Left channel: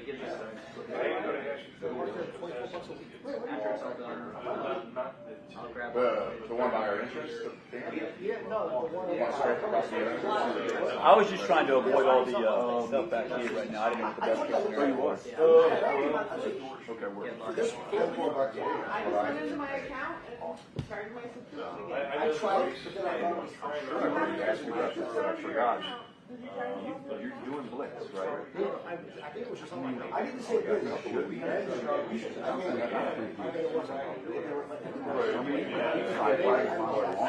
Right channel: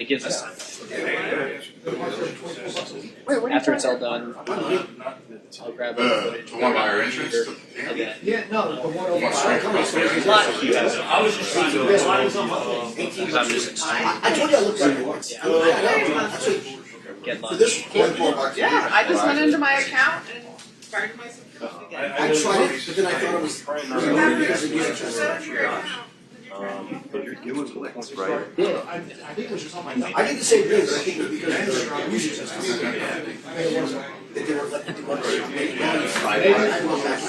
it gives us time. After it's all done, I'll grab the one by our entrance. Yeah, no, the one over. One strength across the entrance. I was just trying to. because I'm just excited. I told you I looked like one. Get lunch. Yeah, I just went into my account and started my subscription again. I tried it, but then I thought it was. You was licks, right? Yeah, I think it was just on my. I did the same thing, but I think it would be better. Usually just. It wasn't. If they were letting do what they made. I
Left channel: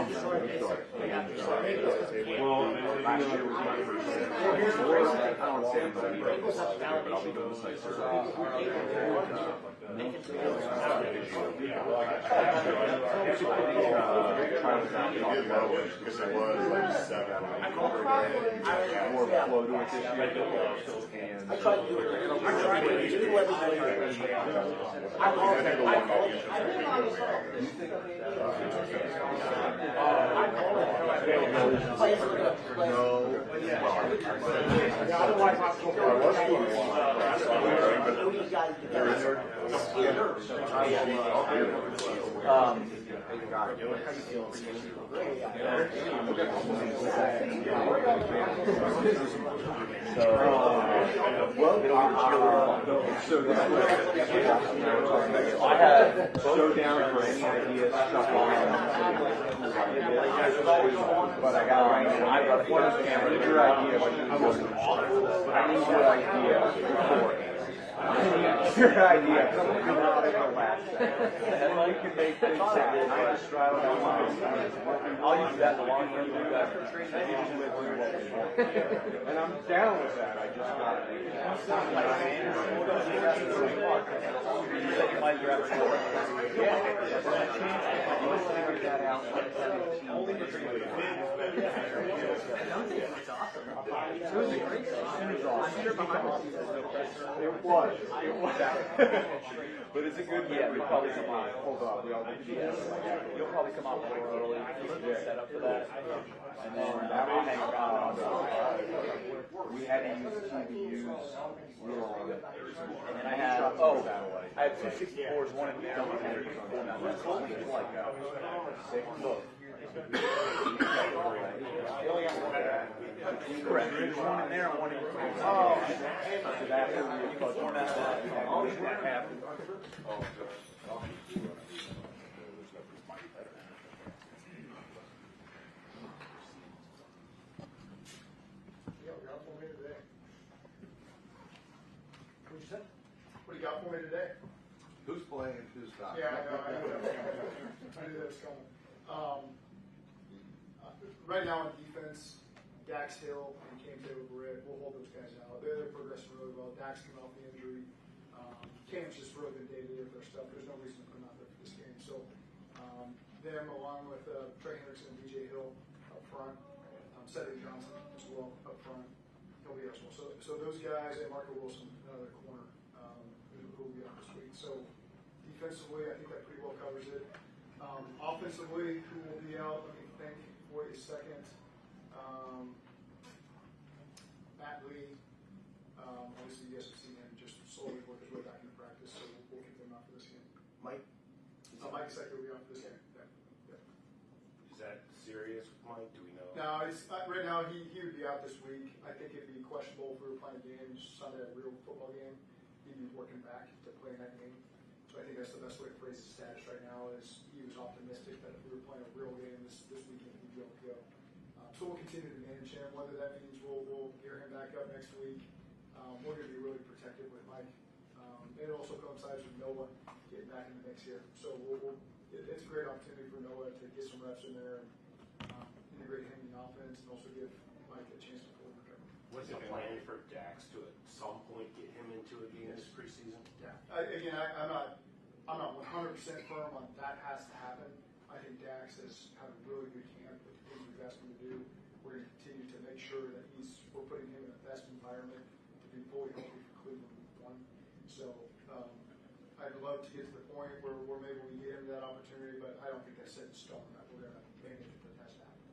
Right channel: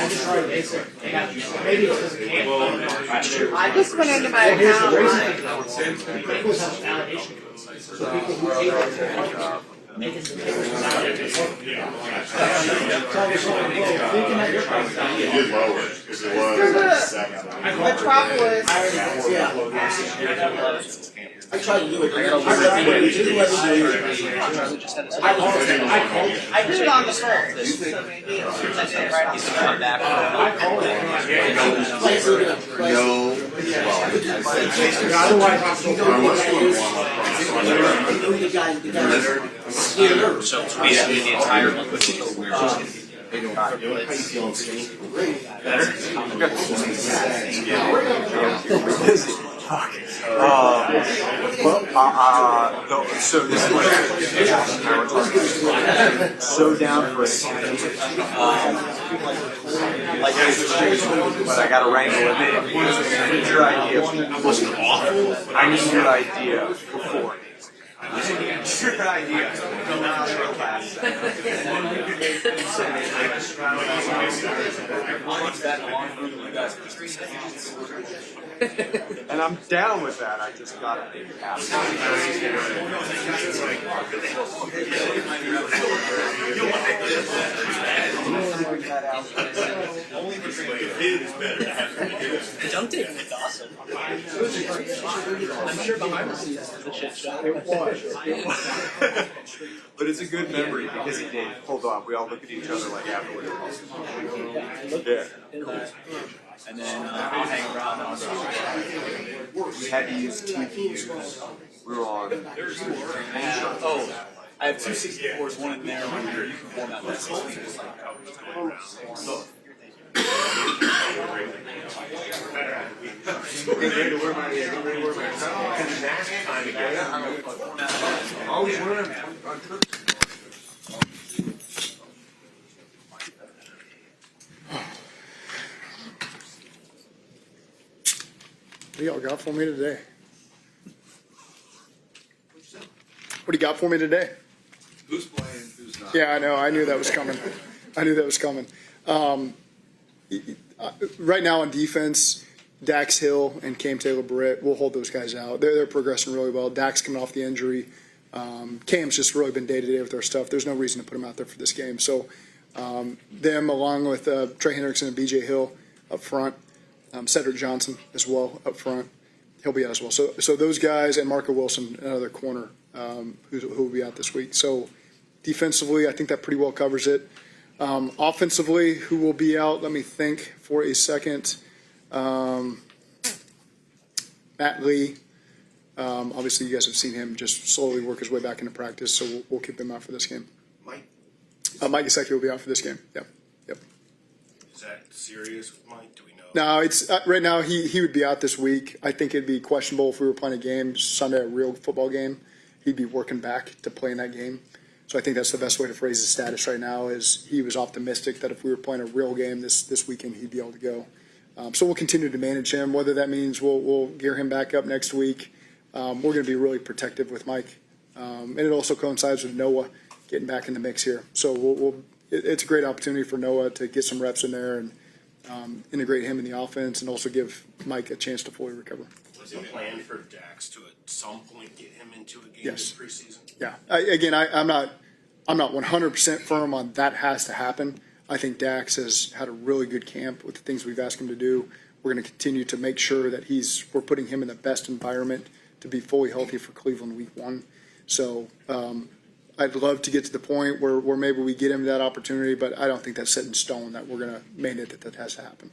just tried basic. Maybe it's because it can't. I just went into my account. He did lower it because it was 7. Metropolis. Yeah. I tried to do it. I did it on the first. So maybe it's I did it right on the Come back. So it's basically the entire month, which is So this is so down for a second. Like I got to wrangle it in. I need your idea. I wasn't awful, but I need your idea before it. Your idea. And I'm down with that. I just got to make it happen. don't they? It's awesome. I'm sure behind the scenes the shit show. It was. But it's a good memory because it did. Hold on, we all look at each other like afterwards. Yeah. And then I'll hang around on We had to use TVUs. We were on. Oh, I have 2 64s, one in there, one here. You can format that. What do y'all got for me today? What do you got for me today? Who's playing? Who's not? Yeah, I know. I knew that was coming. Right now on defense, Dax Hill and Cam Taylor-Britt, we'll hold those guys out. They're progressing really well. Dax coming off the injury. Cam's just really been day-to-day with their stuff. There's no reason to put him out there for this game. So them, along with Trey Hendrickson and B.J. Hill up front, Cedric Johnson as well up front. He'll be out as well. So those guys and Marco Wilson, another corner, who will be out this week. So defensively, I think that pretty well covers it. Offensively, who will be out? Let me think for a second. Matt Lee. Obviously, you guys have seen him just slowly work his way back into practice, so we'll keep him out for this game. Mike Gesicki will be out for this game. Yep. Is that serious, Mike? Do we know? No, it's right now he would be out this week. I think it'd be questionable if we were playing a game Sunday, a real football game. He'd be working back to play in that game. So I think that's the best way to phrase his status right now is he was optimistic that if we were playing a real game this weekend, he'd be able to go. So we'll continue to manage him. Whether that means we'll gear him back up next week, we're going to be really protective with Mike. And it also coincides with Noah getting back in the mix here. So it's a great opportunity for Noah to get some reps in there and integrate him in the offense and also give Mike a chance to fully recover. Was the plan for Dax to at some point get him into a game Yes. this preseason? Yeah. I'm not 100% firm on that has to happen. I think Dax has had a really good camp with the things we've asked him to do. We're going to continue to make sure that we're putting him in the best environment to be fully healthy for Cleveland week 1. So I'd love to get to the point where maybe we get him that opportunity, but I don't think that's set in stone that we're going to mandate that has to happen.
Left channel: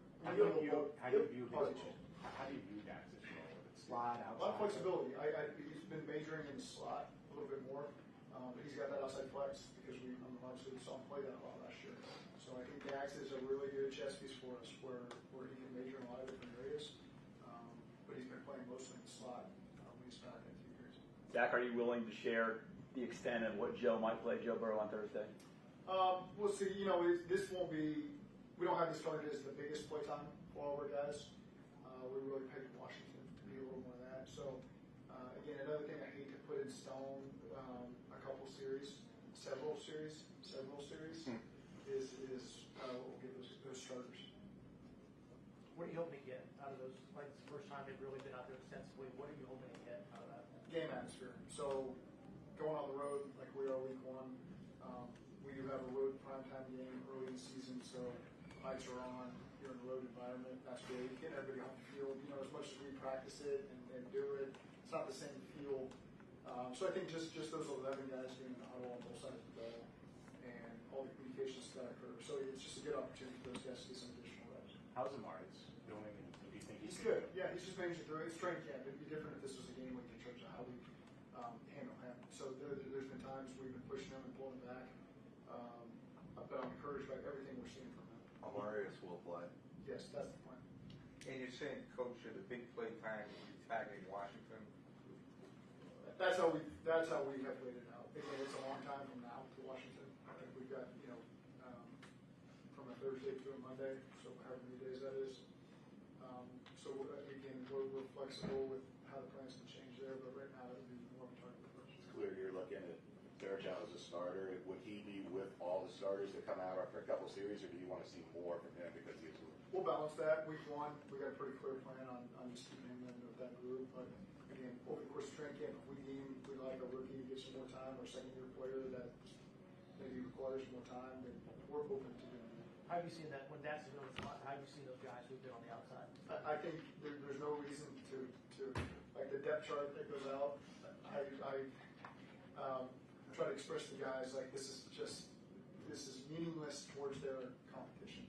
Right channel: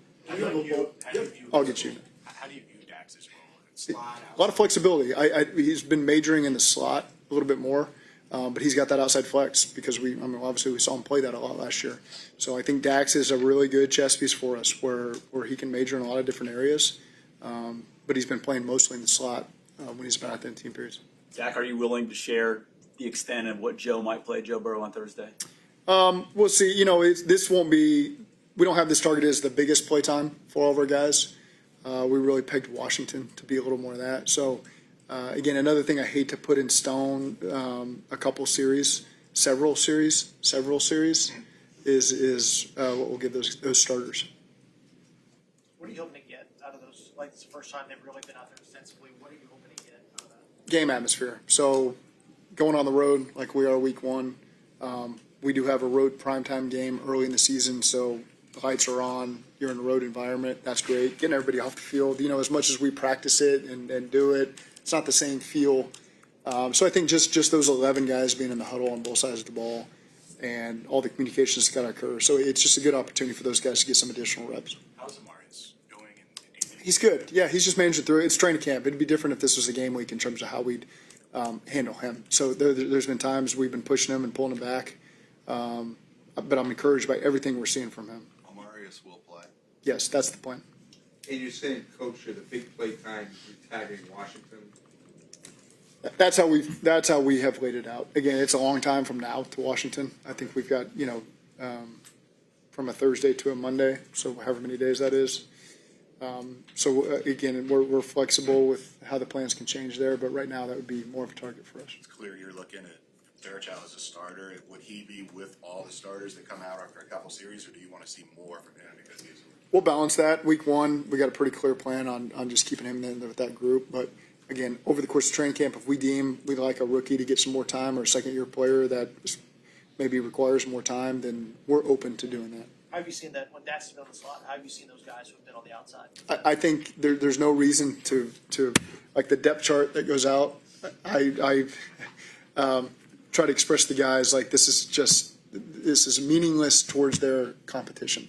I'll get you. How do you view Dax's role? It's A lot of flexibility. He's been majoring in the slot a little bit more, but he's got that outside flex because obviously we saw him play that a lot last year. So I think Dax is a really good chess piece for us where he can major in a lot of different areas. But he's been playing mostly in the slot when he's been out there in team periods. Zach, are you willing to share the extent of what Joe might play, Joe Burrow, on Thursday? We'll see. This won't be. We don't have this targeted as the biggest play time for all of our guys. We really pegged Washington to be a little more of that. So, again, another thing I hate to put in stone, several series is what we'll give those starters. What are you hoping to get out of those? Like, it's the first time they've really been out there extensively. What are you hoping to get out of that? Game atmosphere. So, going on the road like we are week one, we do have a road primetime game early in the season, so the lights are on. You're in a road environment. That's great. Getting everybody off the field. As much as we practice it and do it, it's not the same feel. So I think just those 11 guys being in the huddle on both sides of the ball and all the communications that's got to occur. So it's just a good opportunity for those guys to get some additional reps. How's Amari's going? He's good. Yeah, he's just managing through it. It's training camp. It'd be different if this was a game week in terms of how we'd handle him. So there's been times we've been pushing him and pulling him back. But I'm encouraged by everything we're seeing from him. Amarius will play. Yes, that's the plan. And you're saying, Coach, at the big play time, you're tagging Washington? That's how we have laid it out. Again, it's a long time from now to Washington. I think we've got from a Thursday to a Monday, so however many days that is. Again, we're flexible with how the plans can change there, but right now that would be more of a target for us. It's clear you're looking at Fairchild as a starter. Would he be with all the starters that come out after a couple series, or do you want to see more from him because he's? We'll balance that. Week one, we got a pretty clear plan on just keeping him in there with that group. But again, over the course of training camp, if we deem we'd like a rookie to get some more time or a second-year player that maybe requires more time, then we're open to doing that. How have you seen that when Dax has been on the slot? How have you seen those guys who've been on the outside? I think there's no reason to like the depth chart that goes out. I try to express to the guys like this is meaningless towards their competition.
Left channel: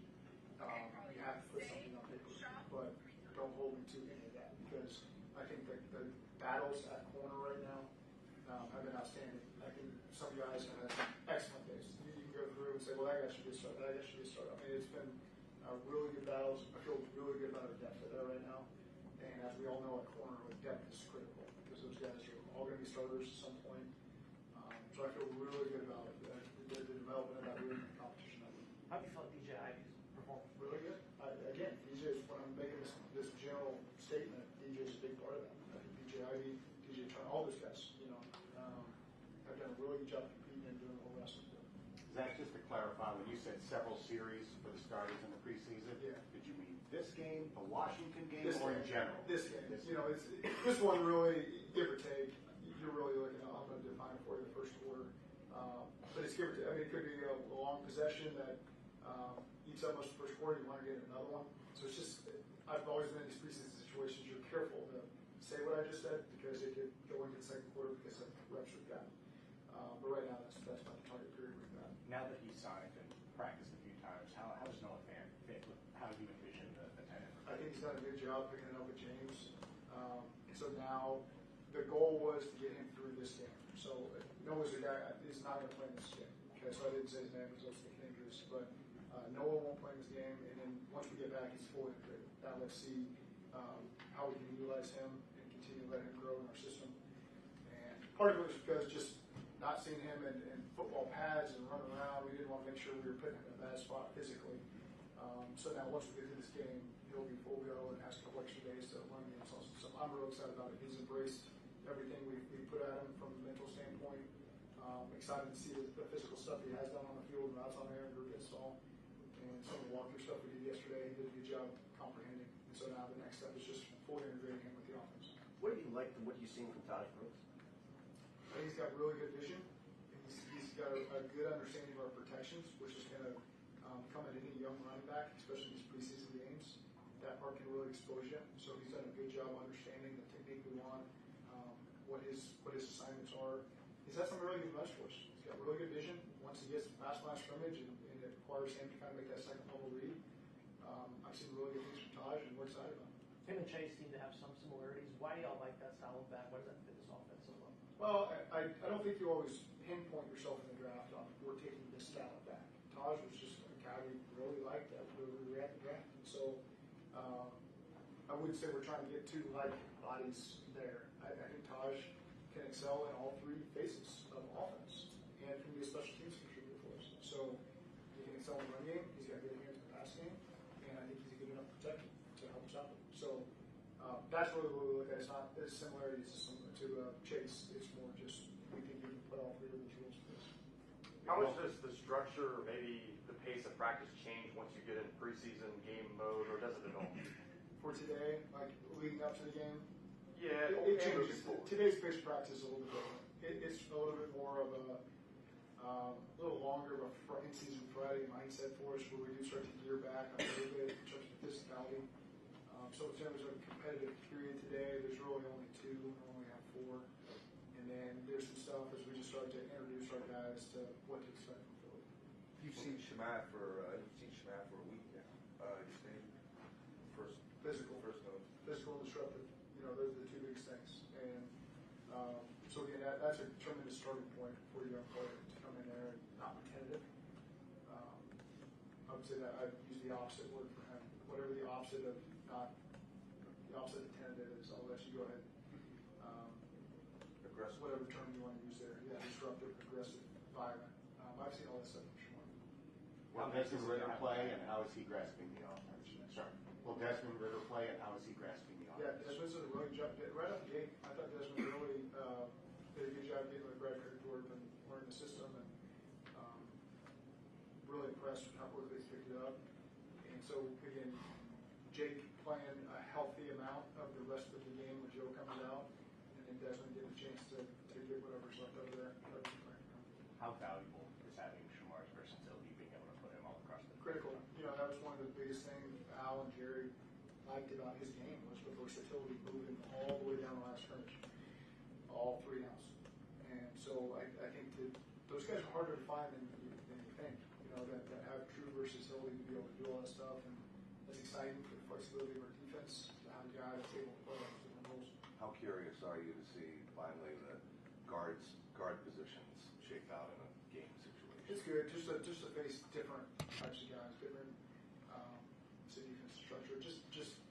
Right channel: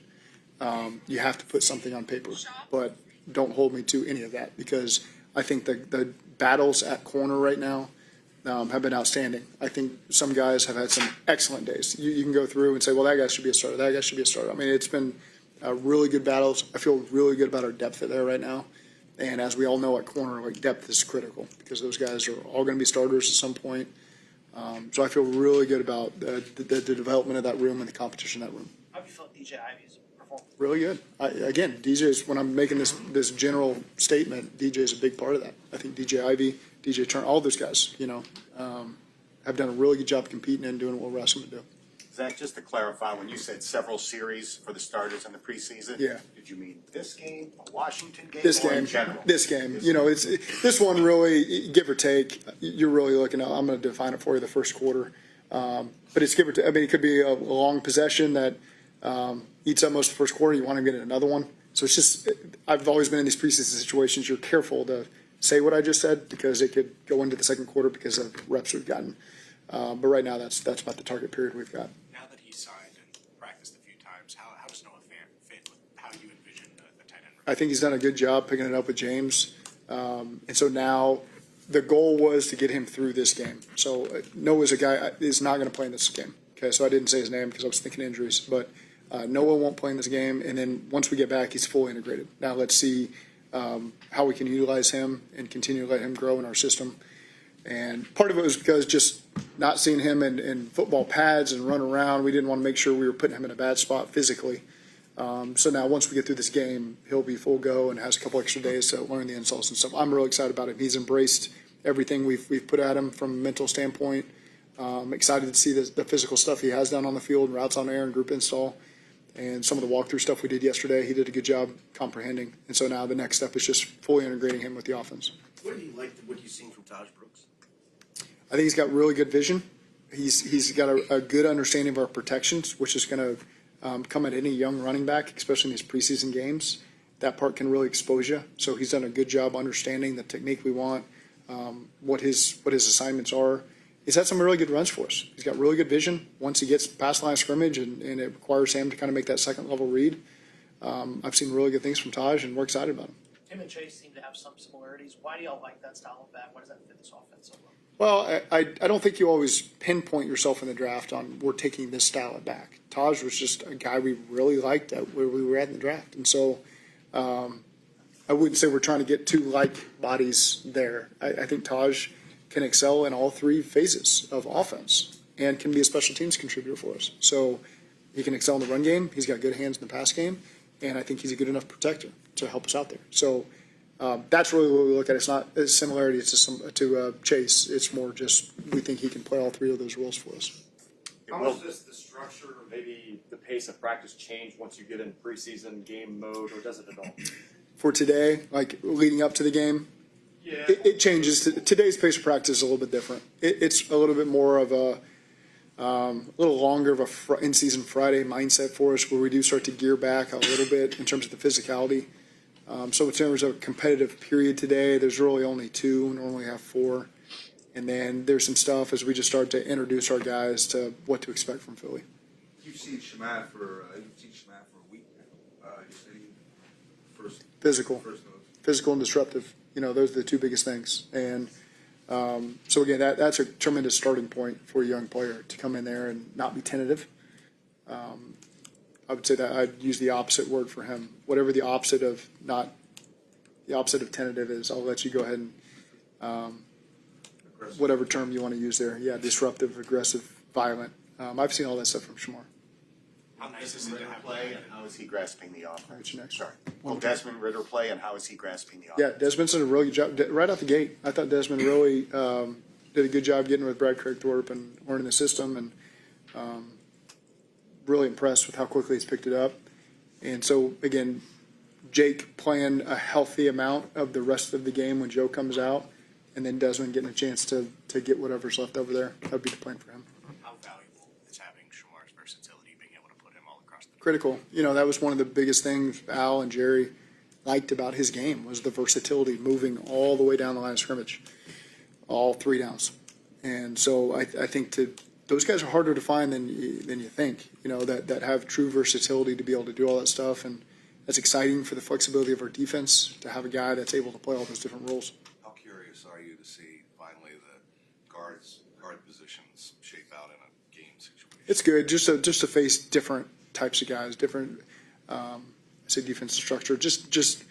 You have to put something on paper, but don't hold me to any of that because I think the battles at corner right now have been outstanding. I think some guys have had some excellent days. You can go through and say, well, that guy should be a starter. That guy should be a starter. I mean, it's been really good battles. I feel really good about our depth there right now. And as we all know at corner, like depth is critical because those guys are all going to be starters at some point. So I feel really good about the development of that room and the competition in that room. How have you felt DJ Ivy's performance? Really good. Again, DJ's, when I'm making this general statement, DJ's a big part of that. I think DJ Ivy, DJ Turner, all those guys, have done a really good job competing and doing what we're asking them to do. Zach, just to clarify, when you said several series for the starters in the preseason, Yeah. did you mean this game, the Washington game, This or game, in general? it's this one really, give or take, you're really looking at, I'm going to define it for you the first quarter. But it's give or take. I mean, it could be a long possession that eats up most of the first quarter. You want to get another one. So it's just, I've always been in these preseason situations. You're careful to say what I just said because it could go into the second quarter because of reps we've gotten. But right now, that's about the target period we've got. Now that he's signed and practiced a few times, how does Noah fit with how you envision the tight end? I think he's done a good job picking it up with James. And so now the goal was to get him through this game. So Noah's a guy is not going to play in this game. Okay, so I didn't say his name because I was thinking injuries. But Noah won't play in this game. And then once we get back, he's fully integrated. Now let's see how we can utilize him and continue to let him grow in our system. And part of it was because just not seeing him in football pads and run around, we didn't want to make sure we were putting him in a bad spot physically. So now once we get through this game, he'll be full go and has a couple extra days to learn the insults and stuff. I'm really excited about him. He's embraced everything we've put at him from a mental standpoint. Excited to see the physical stuff he has done on the field, routes on air and group install. And some of the walkthrough stuff we did yesterday, he did a good job comprehending. And so now the next step is just fully integrating him with the offense. What do you like? What you've seen from Taj Brooks? I think he's got really good vision. He's got a good understanding of our protections, which is going to come at any young running back, especially in these preseason games. That part can really expose you. So he's done a good job understanding the technique we want, what his assignments are. He's had some really good runs for us. He's got really good vision. Once he gets past line of scrimmage and it requires him to kind of make that second level read, I've seen really good things from Taj, and we're excited about him. Tim and Chase seem to have some similarities Why do y'all like that style of back? Why does that fit this offense so well? Well, I don't think you always pinpoint yourself in the draft on we're taking this style of back. Taj was just a guy we really liked at where we were at in the draft. And so I wouldn't say we're trying to get two like bodies there. I think Taj can excel in all three phases of offense and can be a special teams contributor for us. So he can excel in the run game. He's got good hands in the pass game. And I think he's a good enough protector to help us out there. So that's really what we look at. It's not a similarity to Chase. It's more just we think he can play all three of those roles for us. How much does the structure or maybe the pace of practice change once you get in preseason game mode, or does it at all? For today, like leading up to the game, it changes. Today's pace of practice is a little bit different. It's a little bit more of a little longer of a in-season Friday mindset for us, where we do start to gear back a little bit in terms of the physicality. So in terms of a competitive period today, there's really only two. We normally have four. And then there's some stuff as we just start to introduce our guys to what to expect from Philly. You've seen Shemai for a week now. You say first Physical notes. and disruptive. Those are the two biggest things. And so again, that's a tremendous starting point for a young player to come in there and not be tentative. I would say that I'd use the opposite word for him. Whatever the opposite of tentative is, I'll let you go ahead and whatever term you want to use there. Yeah, disruptive, aggressive, violent. I've seen all that stuff from Shamar. How nice is Ritter play, and how is he grasping the offense? I'll get you next. Sorry. Will Desmond Ritter play, and how is he grasping the Yeah, offense? Desmond's done a really good job right out the gate. I thought Desmond really did a good job getting with Brad Craigthorpe and learning the system, and really impressed with how quickly he's picked it up. And so again, Jake playing a healthy amount of the rest of the game when Joe comes out, and then Desmond getting a chance to get whatever's left over there. That would be the plan for him. How valuable is having Shamar's versatility, being able to put him all across the Critical. That was one of the biggest things Al and Jerry liked about his game was the versatility, moving all the way down the line of scrimmage, all three downs. And so I think those guys are harder to find than you think, that have true versatility to be able to do all that stuff. And that's exciting for the flexibility of our defense to have a guy that's able to play all those different roles. How curious are you to see finally the guard positions shape out in a game situation? It's good just to face different types of guys, different, defensive structure, just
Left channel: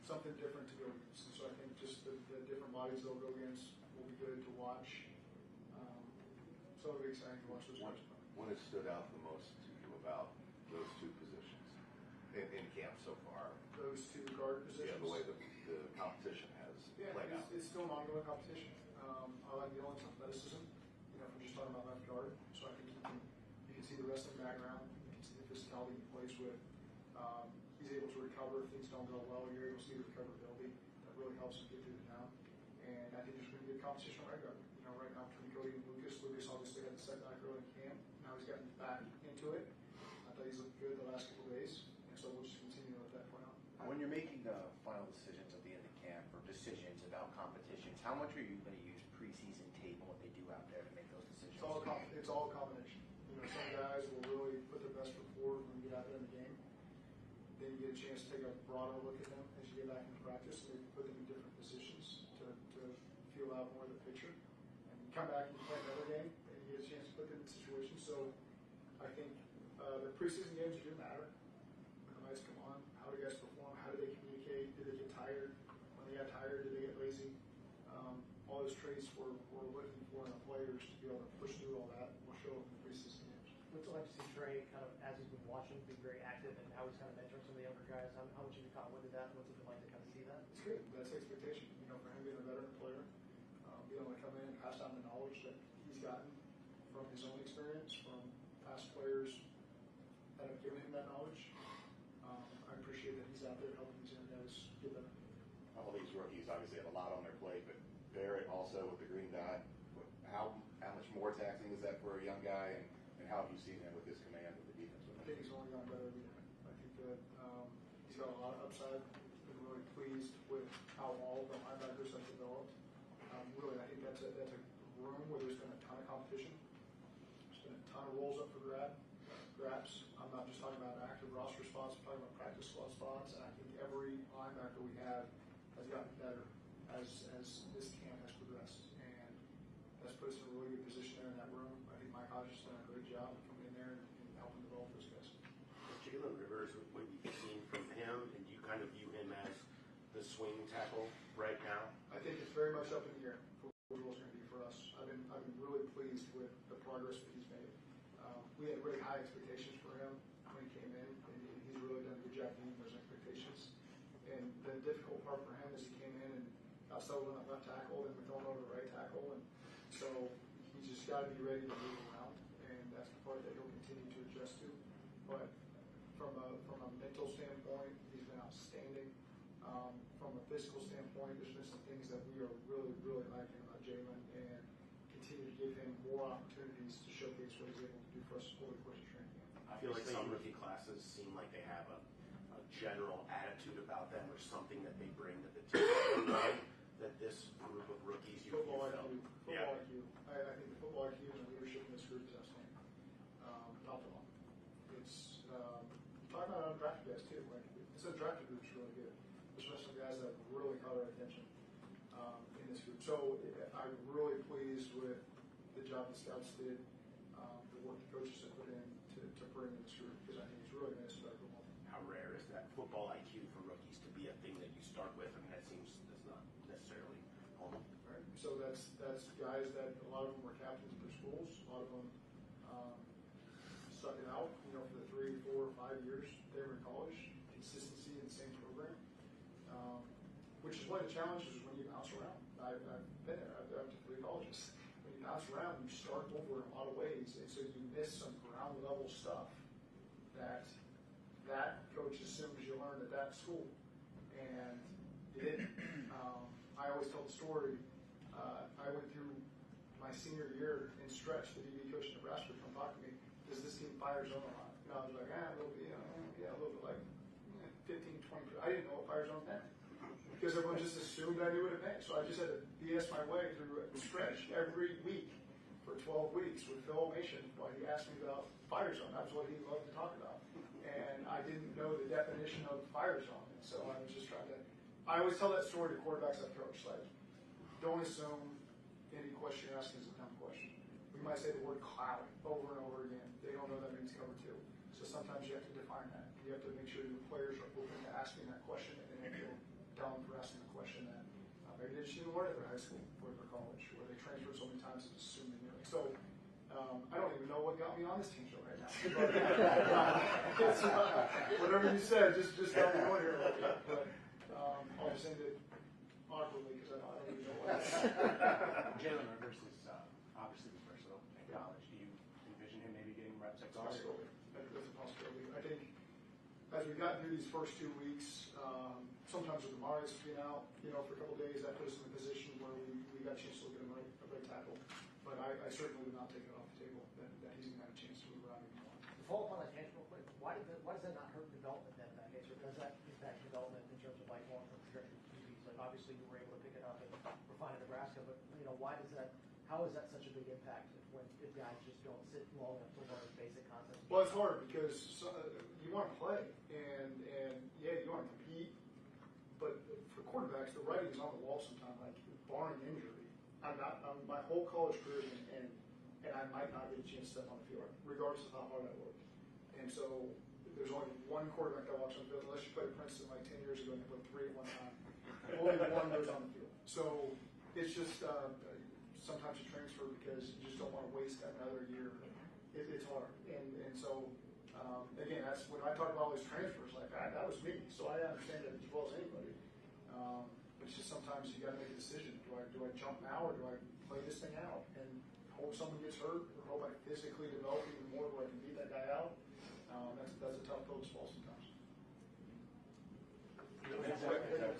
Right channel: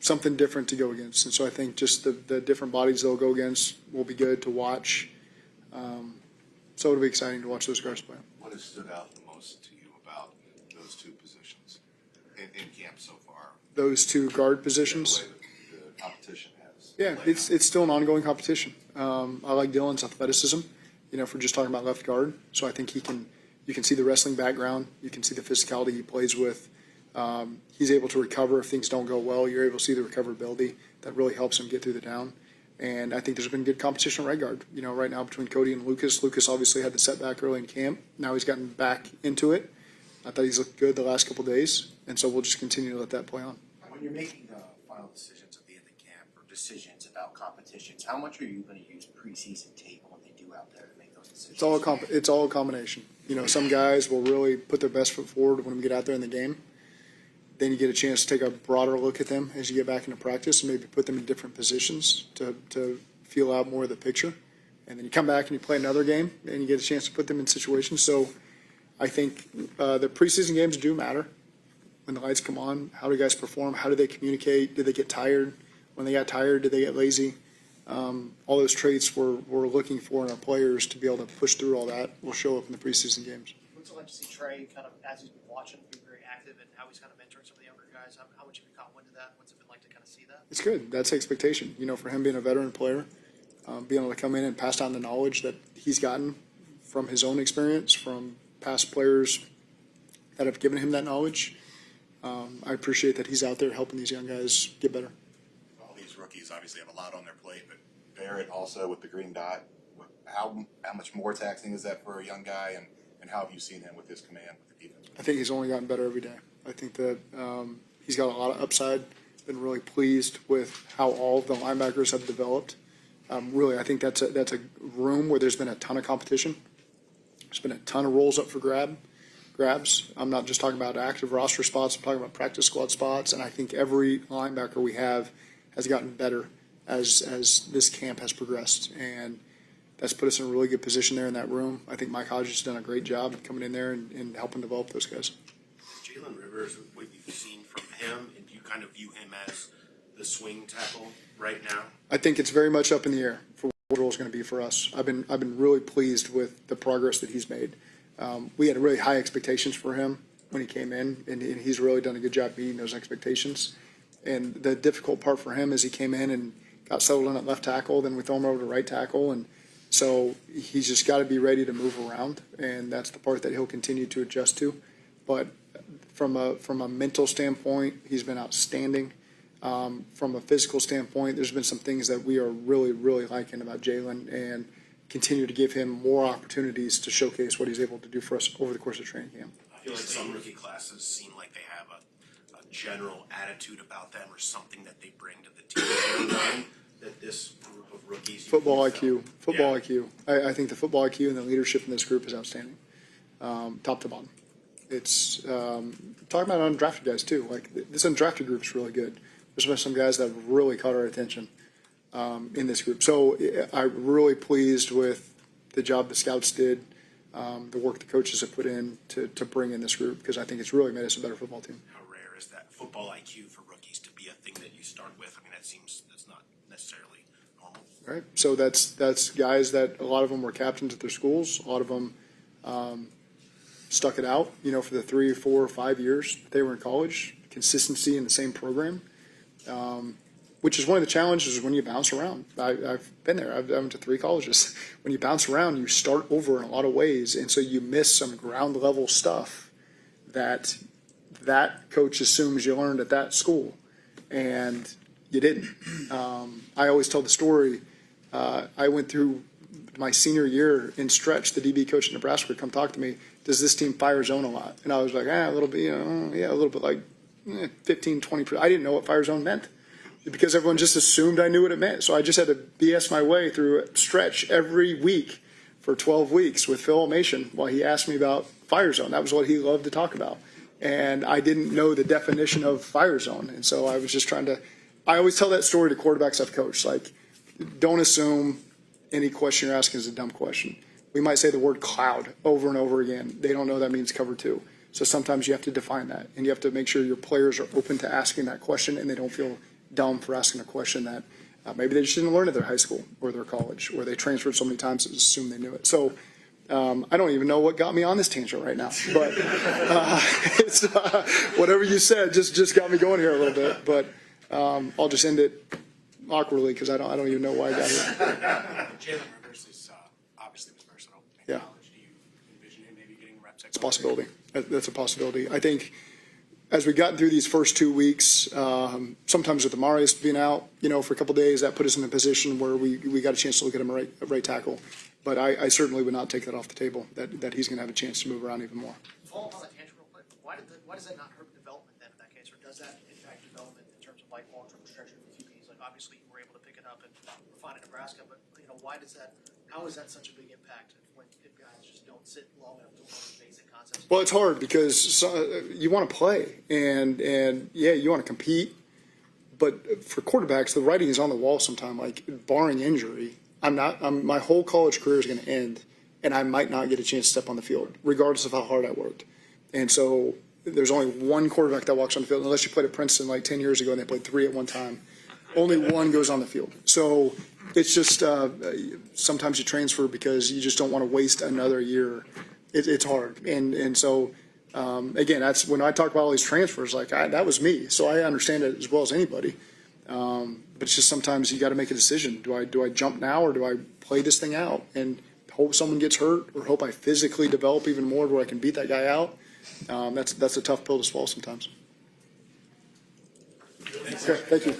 something different to go against. And so I think just the different bodies they'll go against will be good to watch. So it'll be exciting to watch those guys play. What has stood out the most to you about those two positions in camp so far? Those two guard positions. The way the competition has. Yeah, it's still an ongoing competition. I like Dylan's athleticism, if we're just talking about left guard. So I think you can see the wrestling background. You can see the physicality he plays with. He's able to recover if things don't go well. You're able to see the recoverability that really helps him get through the down. And I think there's been good competition at right guard, right now between Cody and Lucas. Lucas obviously had the setback early in camp. Now he's gotten back into it. I thought he's looked good the last couple of days. And so we'll just continue to let that play on. When you're making final decisions at the end of camp or decisions about competitions, how much are you going to use preseason tape and what they do out there to make those decisions? It's all a combination. Some guys will really put their best foot forward when we get out there in the game. Then you get a chance to take a broader look at them as you get back into practice and maybe put them in different positions to feel out more of the picture. And then you come back and you play another game and you get a chance to put them in situations. So I think the preseason games do matter. When the lights come on, how do guys perform? How do they communicate? Do they get tired? When they got tired, did they get lazy? All those traits we're looking for in our players to be able to push through all that will show up in the preseason games. What's it like to see Trey kind of, as he's been watching, be very active and how he's kind of mentoring some of the younger guys? How much have you caught wind of that? What's it been like to kind of see that? It's good. That's the expectation. For him being a veteran player, being able to come in and pass down the knowledge that he's gotten from his own experience, from past players that have given him that knowledge. I appreciate that he's out there helping these young guys get better. All these rookies obviously have a lot on their plate, but Barrett also with the green dot, how much more taxing is that for a young guy, and how have you seen him with his command with the defense? I think he's only gotten better every day. I think that he's got a lot of upside. Been really pleased with how all of the linebackers have developed. Really, I think that's a room where there's been a ton of competition. There's been a ton of roles up for grabs. I'm not just talking about active roster spots. I'm talking about practice squad spots. And I think every linebacker we have has gotten better as this camp has progressed, and that's put us in a really good position there in that room. I think Mike Hodges has done a great job coming in there and helping develop those guys. Jalen Rivers, what you've seen from him, and do you kind of view him as the swing tackle right now? I think it's very much up in the air for what the role is going to be for us. I've been really pleased with the progress that he's made. We had really high expectations for him when he came in, and he's really done a good job meeting those expectations. And the difficult part for him is he came in and got settled in at left tackle, then we throw him over to right tackle, and so he's just got to be ready to move around, and that's the part that he'll continue to adjust to. But from a mental standpoint, he's been outstanding. From a physical standpoint, there's been some things that we are really, really liking about Jalen, and continue to give him more opportunities to showcase what he's able to do for us over the course of training camp. I feel like some rookie classes seem like they have a general attitude about them or something that they bring to the team that this group of rookies. Football IQ. I think the football IQ and the leadership in this group is outstanding, top to bottom. It's talking about undrafted guys too. Like this undrafted group is really good. There's been some guys that have really caught our attention in this group. So I'm really pleased with the job the scouts did, the work the coaches have put in to bring in this group, because I think it's really made us a better football team. How rare is that football IQ for rookies to be a thing that you start with? I mean, that's not necessarily normal. Right. So that's guys that a lot of them were captains at their schools. A lot of them stuck it out, for the 3, 4, 5 years they were in college. Consistency in the same program, which is one of the challenges when you bounce around. I've been there. I went to 3 colleges. When you bounce around, you start over in a lot of ways, and so you miss some ground level stuff that coach assumes you learned at that school, and you didn't. I always tell the story. I went through my senior year in stretch. The DB coach in Nebraska would come talk to me. Does this team fire zone a lot? And I was like, a little bit, yeah, a little bit, like 15, 20%. I didn't know what fire zone meant because everyone just assumed I knew what it meant. So I just had to BS my way through a stretch every week for 12 weeks with Phil Almation while he asked me about fire zone. That was what he loved to talk about. And I didn't know the definition of fire zone. And so I was just I always tell that story to quarterbacks I've coached. Like, don't assume any question you're asking is a dumb question. We might say the word cloud over and over again. They don't know that means cover 2. So sometimes you have to define that, and you have to make sure your players are open to asking that question, and they don't feel dumb for asking a question that maybe they just didn't learn at their high school or their college, or they transferred so many times that just assumed they knew it. So I don't even know what got me on this tangent right now, but it's, whatever you said just got me going here a little bit. But I'll just end it awkwardly because I don't even know why I got here. Jalen Rivers is obviously was versatile in Yeah. college. Do you envision him maybe getting reps at It's a possibility. That's a possibility. I think as we got through these first 2 weeks, sometimes with Amarius being out, for a couple of days, that put us in a position where we got a chance to look at him at right tackle. But I certainly would not take that off the table, that he's going to have a chance to move around even more. Follow up on that tangent real quick. Why does that not hurt development then in that case, or does that impact development in terms of like long-term trajectory for QBs? Like obviously you were able to pick it up and refine in Nebraska, but why does that? How is that such a big impact when guys just don't sit long enough to learn basic concepts? Well, it's hard because you want to play and yeah, you want to compete, but for quarterbacks, the writing is on the wall sometimes. Like barring injury, my whole college career is going to end, and I might not get a chance to step on the field, regardless of how hard I worked. And so there's only one quarterback that walks on the field, unless you played at Princeton like 10 years ago and they played 3 at one time. Only one goes on the field. So it's just sometimes you transfer because you just don't want to waste another year. It's hard. And so, again, that's when I talk about all these transfers, that was me. So I understand it as well as anybody. But it's just sometimes you got to make a decision. Do I jump now or do I play this thing out and hope someone gets hurt or hope I physically develop even more where I can beat that guy out? That's a tough pill to swallow sometimes. Okay, thank you.